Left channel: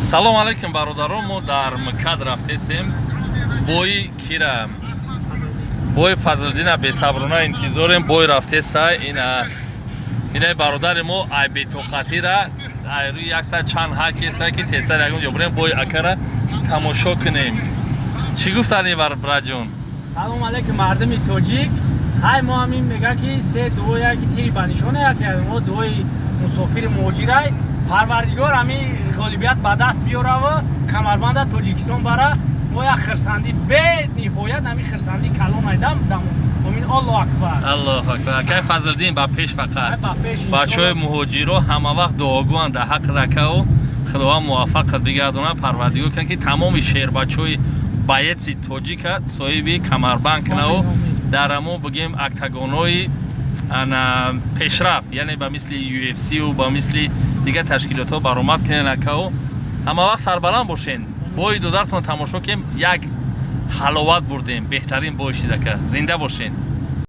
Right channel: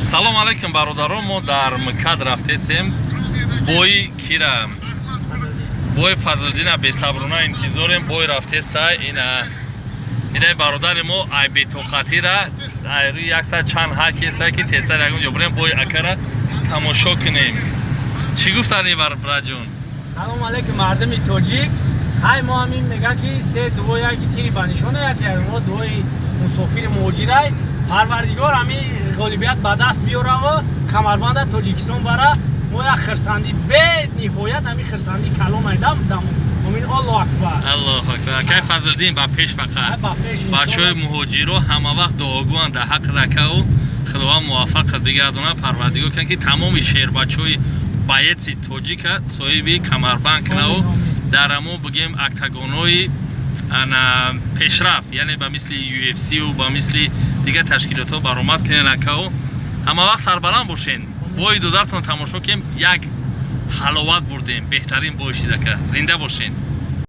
салом алейкум бародарон, мо дар мкад рафтесем. Бои кира бои Фазлиддина бесаброна интизорем. Бои рафтеса ина бародари мо ай бетохатира айру якса чанд ҳакеса ки тесар ягон ҷобрем бои акара тамошо кунем. Чӣ гуфтани браҷон? салом алейкум мардами тоҷик. хай мо ҳамин мега ки се дуо яки тири ба нишона як мо дуои мусофири муҳоҷирай парвардигор ҳамин ғолибият ба даст биёрава камарбанда тоҷикистон бара мо як хирсандӣ бениҳоят ҳамин хирсандӣ калом айдам ҳамин аллоҳу акбар. Аллоҳу акбар. Кай Фазлиддин ба пеш фақат. Ба пеш иншоалло. Бачаҳои муҳоҷиро ҳама вақт дуогӯянд дар ҳақ ракао худованд муваффақ бигардона парвардигор кунад ки тамоми шербачаҳои байеци тоҷика соҳиби камарбанд кунаву дар ҳамо бигем октагонои пешрафт, яъне ба мисли UFC ва ба мисли дигар ташкилотҳо баромад кунед акао. ҳама вақт сарбаланд бошен. Бои додаратон тамошо кунем. Як ҳаловат бурдем. Беҳтарин бой шид ака. Зинда бошен.